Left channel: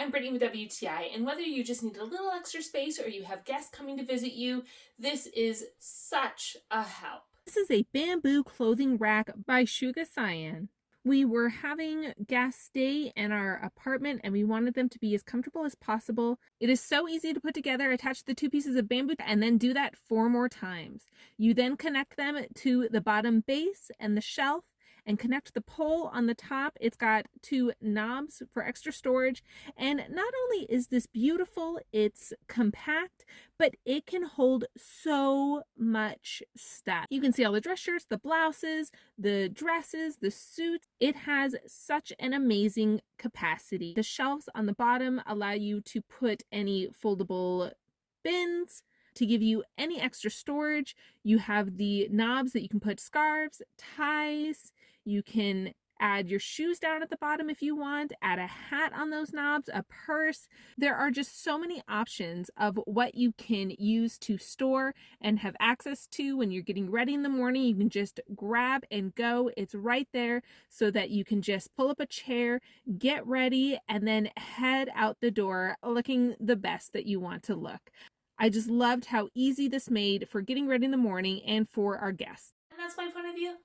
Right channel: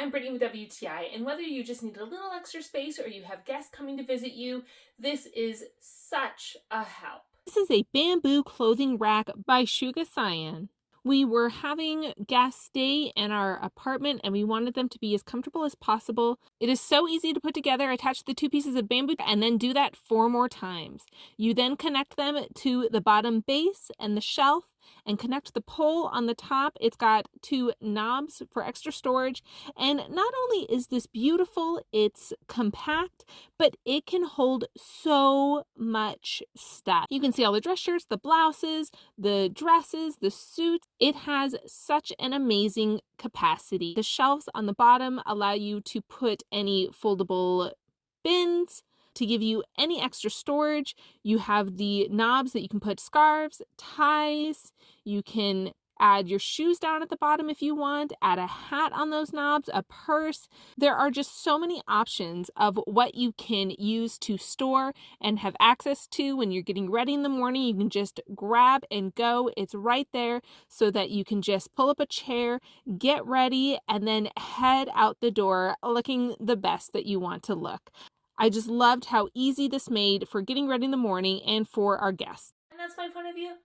I'm Brittany with WTI, and whether you just need a little extra space or you have guests coming to visit you, this is such a help. This is a bamboo clothing rack by SHUOXIANG. We were having guests stay in our apartment and we wanted them to be as comfortable as possible. It is so easy to put together. Attach the 2 pieces of bamboo and then do that 4 more times. You then connect them to the bottom base and the shelf and connect the pole on the top. It's got 2 knobs for extra storage. And not only is this beautiful, it's compact, but it can hold so much stuff. You can see all the dress shirts, the blouses, the dresses, the suits. It has such an amazing capacity. The shelves on the bottom allow you to put any foldable bins, to give you any extra storage. You have the knobs that you can put scarves, ties. You can add your shoes down at the bottom if you want, add a hat on those knobs, a purse. There are just so many options of what you can use to store and have access to when you're getting ready in the morning. You can just grab and go. It's right there so that you can just pull up a chair, get ready, and then head out the door looking the best that you want to look. I just loved how easy this made for getting ready in the morning and for our guests. And that's my point of view.